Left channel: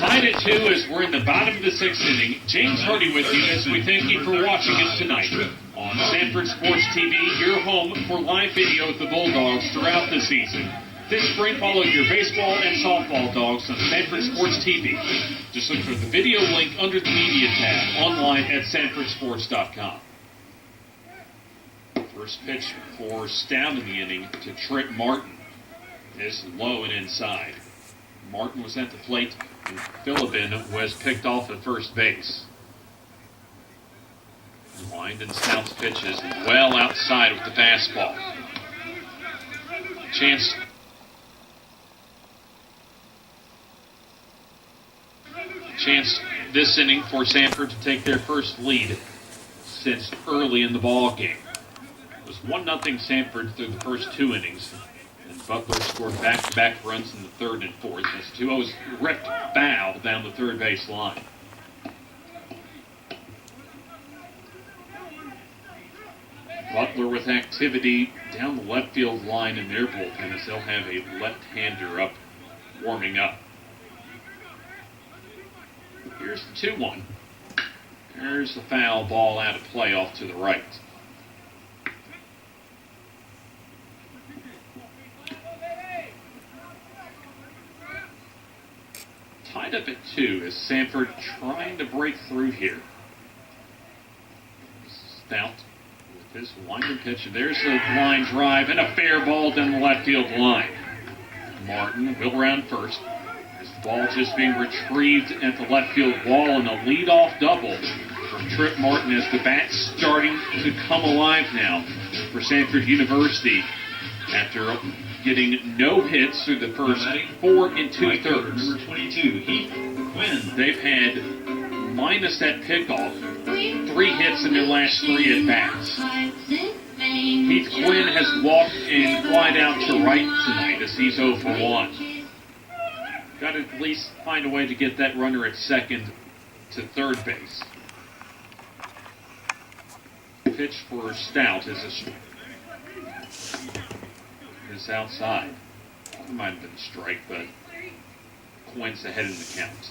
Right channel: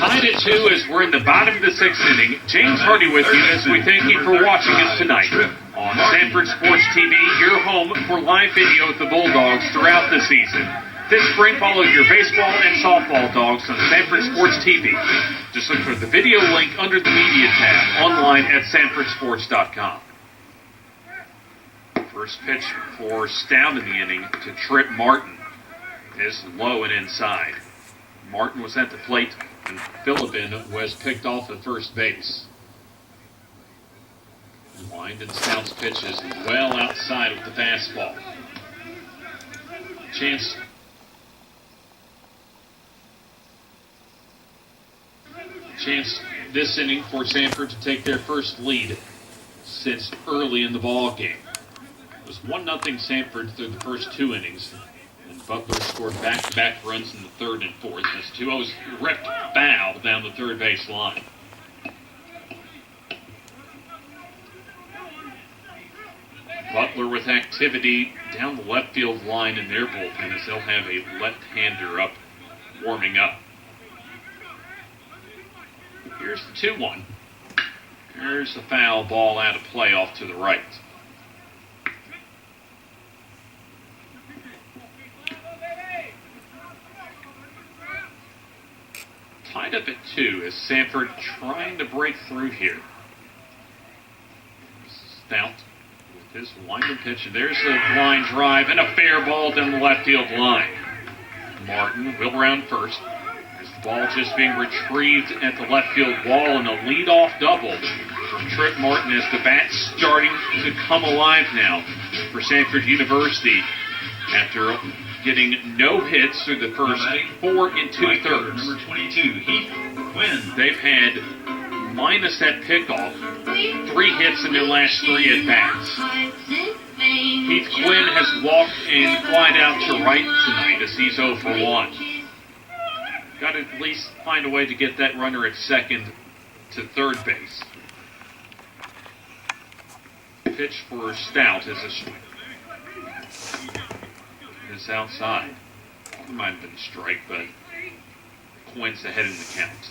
Tied at 2 as we're in the bottom of the 6th inning. James Hardy with you as we thank you for watching us tonight on Sanford Sports TV, your home for live video of the Bulldogs throughout the season. This spring, follow your baseball and softball dogs on Sanford Sports TV. Just look for the video link under the media tab online at sanfordsports.com. First pitch for Stout in the inning to Trip Martin is low and inside. Martin was at the plate and Philippin was picked off at first base. Wind and Stout's pitch is well outside with the fastball. Chance this inning for Sanford to take their first lead since early in the ball game. It was 1-0 Sanford through the first 2 innings, and Butler scored back-to-back runs in the 3rd and 4th. That's 2-0's ripped foul down the third base line. Butler with activity down the left field line in their bullpen as they'll have a left-hander up, warming up. Here's the 2-1. There's the foul ball out of play off to the right. Tied up at 2 is Sanford trying to break through here. Stout with his winding pitch. There's a line drive and a fair ball down the left field line. Martin will round first. The ball just being retrieved at the left field wall, and a leadoff double from Trip Martin as the bat's starting to come alive now for Sanford University after getting no hits through the first 4 2/3. Number 22, Heath Quinn. They've had, minus that pickoff, 3 hits in their last 3 at-bats. Heath Quinn has walked and flied out to right tonight as he's 0 for 1. Got to at least find a way to get that runner at second to third base. Pitch for Stout is outside. It might have been a strike, but Quinn's ahead in the count.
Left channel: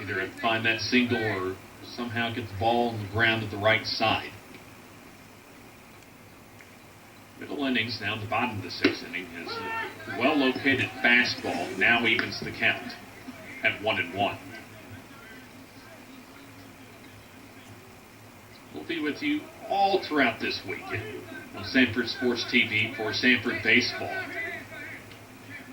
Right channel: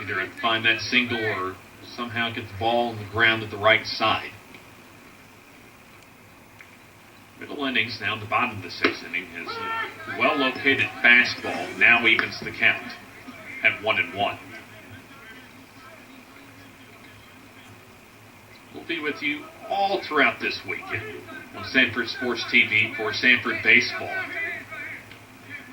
Either find that single or somehow get the ball on the ground at the right side. Middle innings, now in the bottom of the 6th inning, is a well-located fastball. Now evens the count at 1-1. We'll be with you all throughout this weekend on Sanford Sports TV for Sanford Baseball.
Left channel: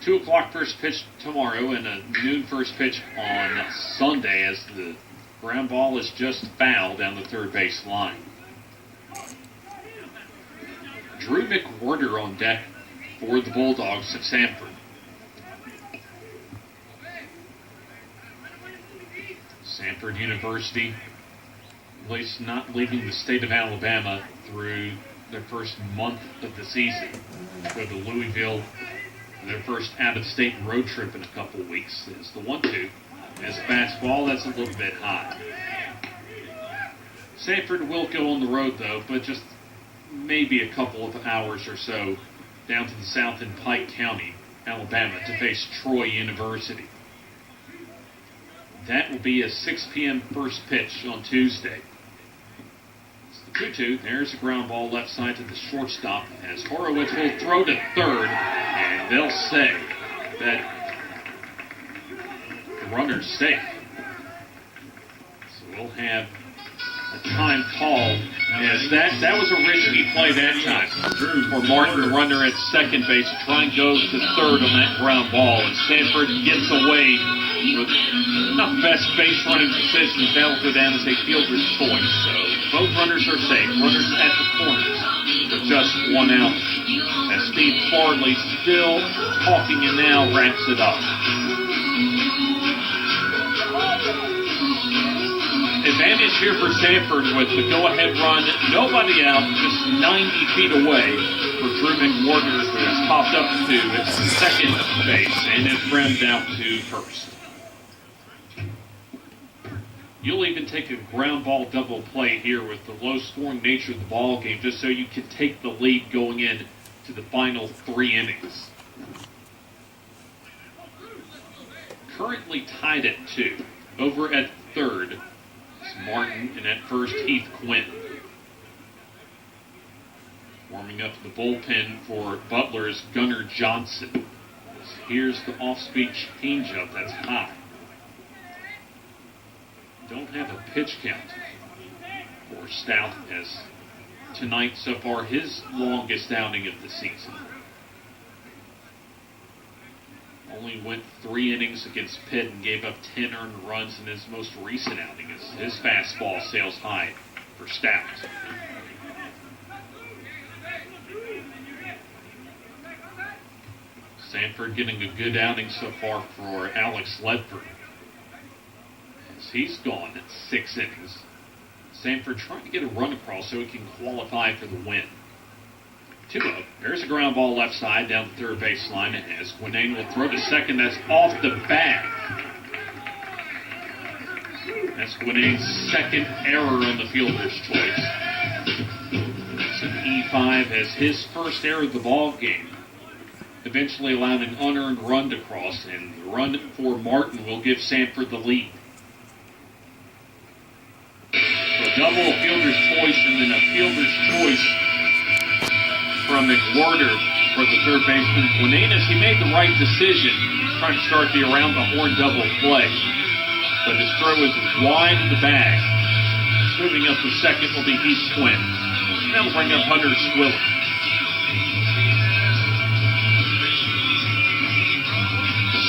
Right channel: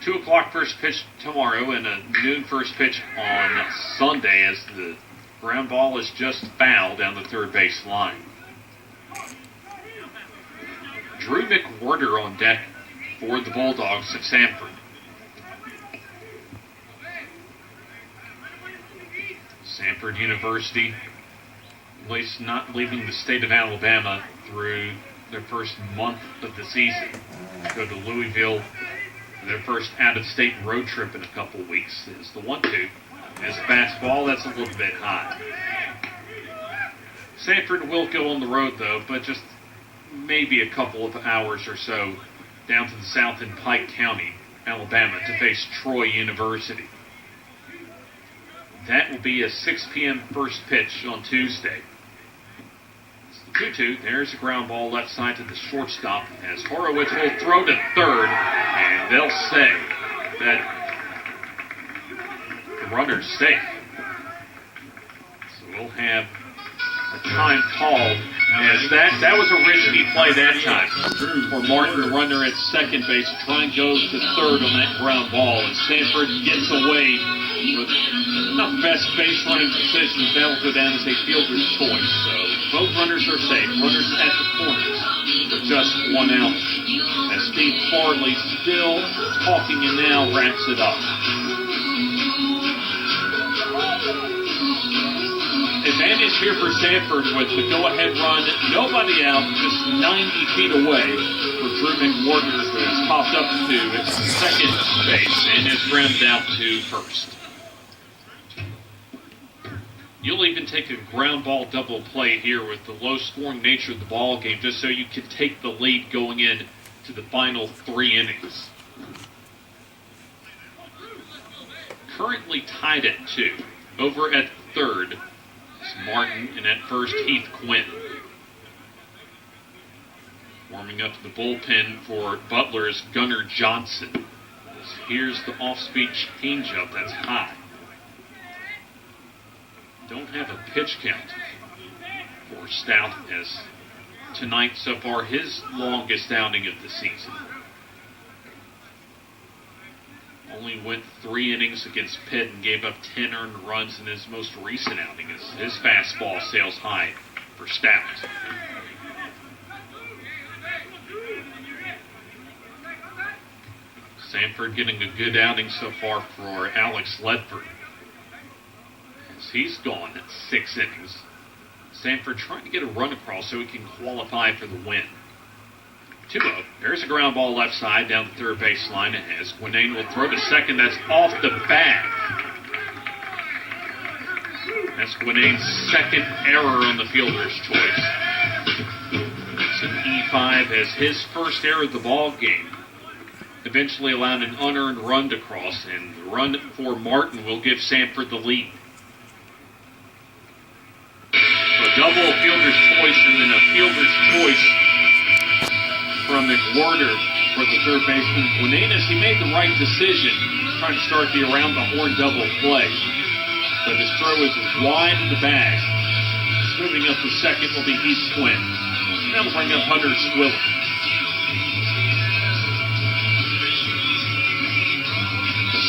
2 o'clock first pitch tomorrow and a noon first pitch on Sunday as the ground ball is just fouled down the third base line. Drew McWhorter on deck for the Bulldogs at Sanford. Sanford University, at least not leaving the state of Alabama through their first month of the season. Go to Louisville for their first out-of-state road trip in a couple weeks. Is the 1-2. As fastball, that's a little bit high. Sanford will go on the road, though, but just maybe a couple of hours or so down to the south in Pike County, Alabama, to face Troy University. That will be a 6 p.m. first pitch on Tuesday. It's the 2-2. There's a ground ball left side to the shortstop as Horowitz will throw to third, and they'll say that the runner's safe. So we'll have a time called as that was a risky play that time for Martin, the runner at second base, to try and go to third on that ground ball. And Sanford gets away with not the best base running decisions. That'll go down as a fielder's choice. So both runners are safe. Runners at the corners with just 1 out. As Steve Farley still talking and now wraps it up. Advantage here for Sanford with the go-ahead run. Nobody out, just 90 feet away for Drew McWhorter, who has popped up to second base and is grounded out to first. You'll even take a ground ball double play here with the low-scoring nature of the ball game, just so you can take the lead going in to the final 3 innings. currently tied at 2. Over at third is Martin, and at first Heath Quinn. Warming up the bullpen for Butler is Gunnar Johnson. Here's the off-speed changeup that's high. Don't have a pitch count for Stout, as tonight so far his longest outing of the season. Only went 3 innings against Pitt and gave up 10 earned runs in his most recent outing, as his fastball sails high for Stout. Samford getting a good outing so far for Alex Ledford, as he's gone at 6 innings. Samford trying to get a run across so he can qualify for the win. 2-0. There's a ground ball left side down the third baseline as Gwinnane will throw to second. That's off the bat. That's Gwinane's second error on the fielder's choice. It's an E5 as his first error of the ball game eventually allowed an unearned run to cross, and the run for Martin will give Samford the lead. So a double, a fielder's choice, and then a fielder's choice from McWhorter for the third baseman. Gwinnane, he made the right decision trying to start the around-the-horn double play, but his throw is wide of the bag. Moving up to second will be Heath Quinn. That'll bring up Hunter Swilling.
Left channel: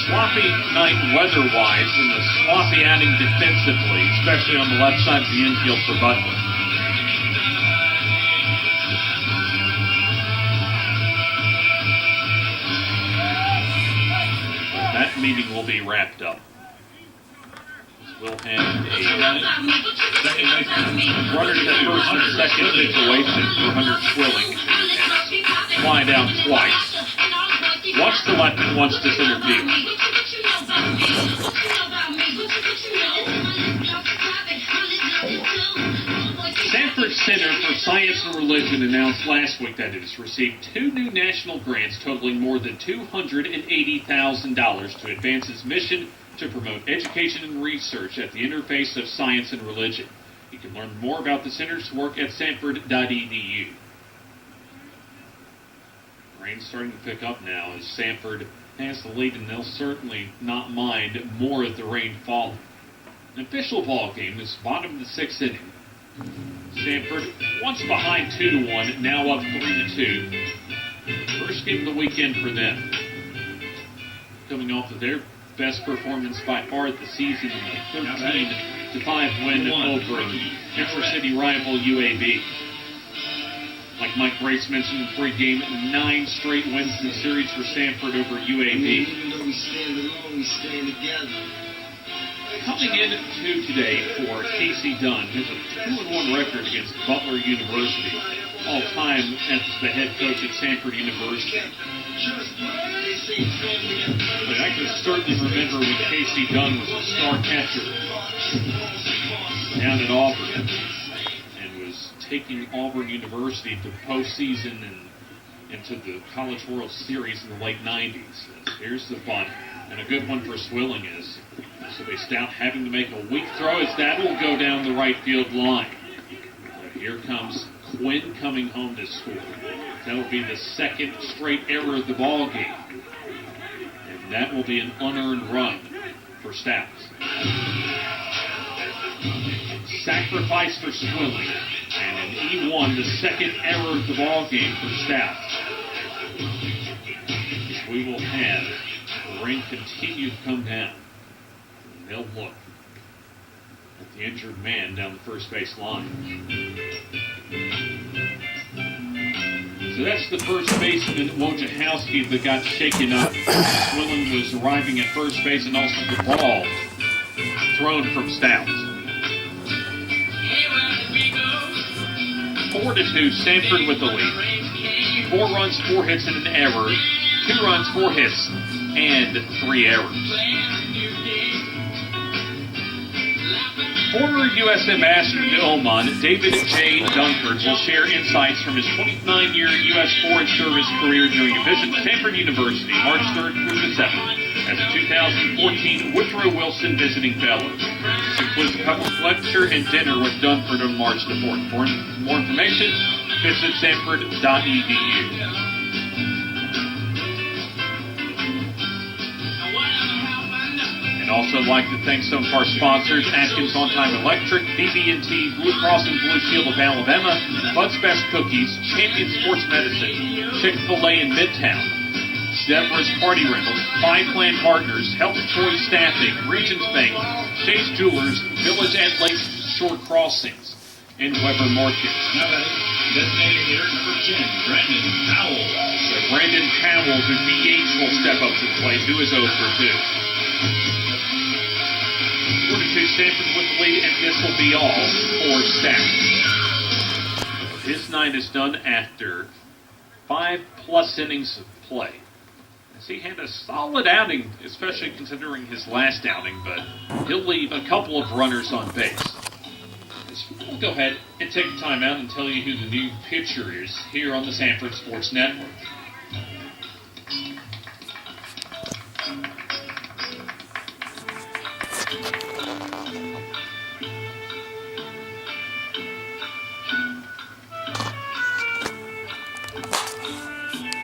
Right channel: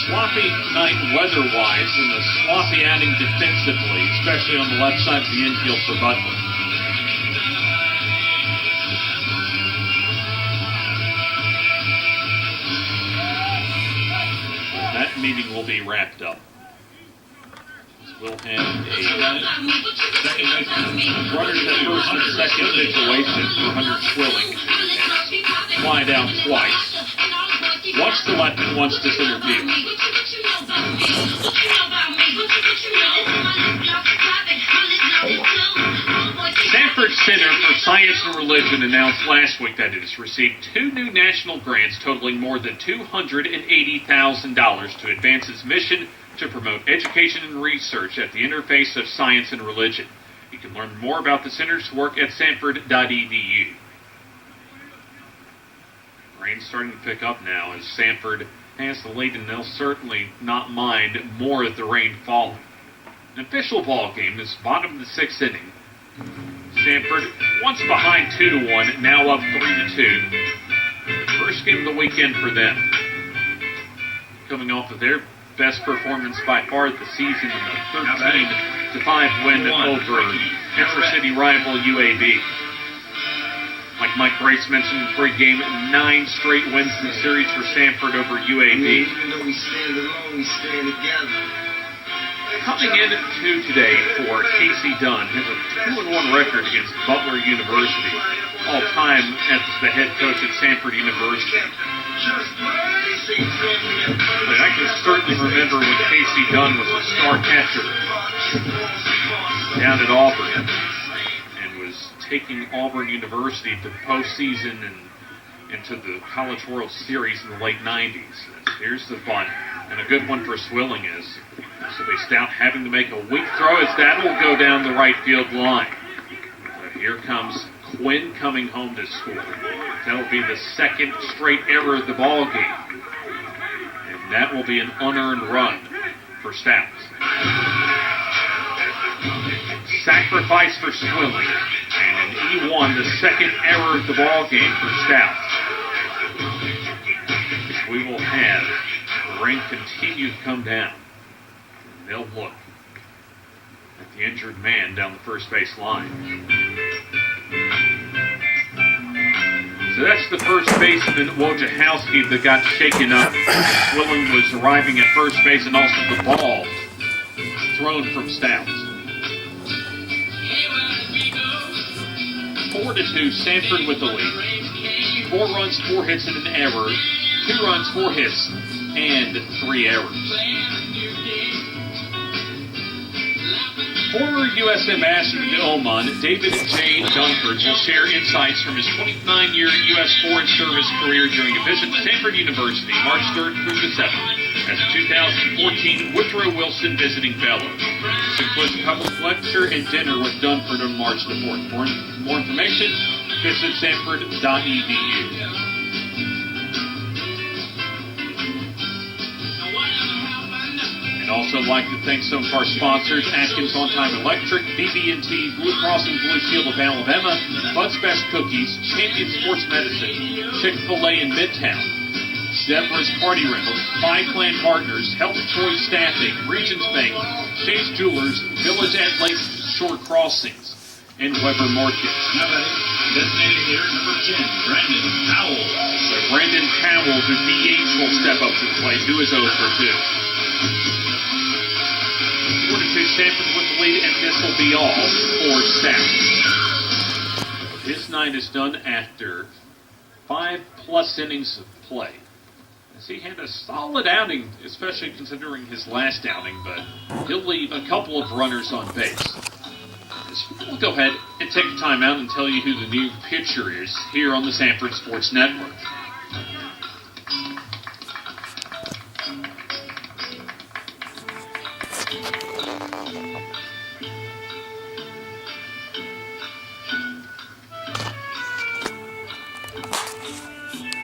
Sloppy night weather-wise, and a sloppy outing defensively, especially on the left side of the infield for Butler. That meeting will be wrapped up. We'll have a runners at first and second situation for Hunter Swilling. Fly down twice. Once to left and once to center field. Sanford Center for Science and Religion announced last week that it has received 2 new national grants totaling more than $280,000 to advance its mission to promote education and research at the interface of science and religion. You can learn more about the center's work at sanford.edu. Rain's starting to pick up now as Samford has the lead, and they'll certainly not mind more of the rain falling. An official ball game is bottom of the 6th inning. Samford once behind 2-1, now up 3-2. First game of the weekend for them. Coming off of their best performance by far of the season in a 13-5 win over intra-city rival UAB. Like Mike Grace mentioned in pregame, 9 straight wins in the series for Samford over UAB. Even though we stand alone, we stand together. Coming into today for Casey Dunn, has a 2-1 record against Butler University, all-time as the head coach at Samford University. But I can certainly remember when Casey Dunn was a star catcher down at Auburn, taking Auburn University to the postseason and into the College World Series in the late 90s. Here's the bunt, and a good one for Swilling is this will be Stout having to make a weak throw as that will go down the right field line. But here comes Quinn coming home to score. That will be the second straight error of the ball game, and that will be an unearned run for Stout. Sacrifice for Swilling, and an E1, the second error of the ball game for Stout. We will have the rain continue to come down. And they'll look at the injured man down the first base line. So that's the first baseman, Wojciechowski, that got shaken up. Swilling was arriving at first base, and also the ball thrown from Stout. 4-2, Samford with the lead. 4 runs, 4 hits, and an error. 2 runs, 4 hits, and 3 errors. Former U.S. Ambassador to Oman, David J. Dunkard, will share insights from his 29-year U.S. Foreign Service career during a visit to Samford University, March 3rd through the 7th. as the 2014 Woodrow Wilson Visiting Fellow. This includes a public lecture and dinner with Dunford on March the 4th. For more information, visit Samford.edu. And also like to thank some of our sponsors: Atkins On Time Electric, BB&T, Blue Cross and Blue Shield of Alabama, Bud's Best Cookies, Champion Sports Medicine, Chick-fil-A in Midtown, Deborah's Party Rentals, Five Plan Partners, Health Choice Staffing, Regions Bank, Chase Jewelers, Village at Lake Shore Crossings, and Weber Market. Now that is designated hitter number 10, Brandon Powell. So Brandon Powell, the DH, will step up to the plate, who is 0 for 2. 42 Sanford with the lead, and this will be all for Stout. His night is done after 5+ innings of play. As he had a solid outing, especially considering his last outing, but he'll leave a couple of runners on base. We'll go ahead and take a time out and tell you who the new pitcher is here on the Sanford Sports Network.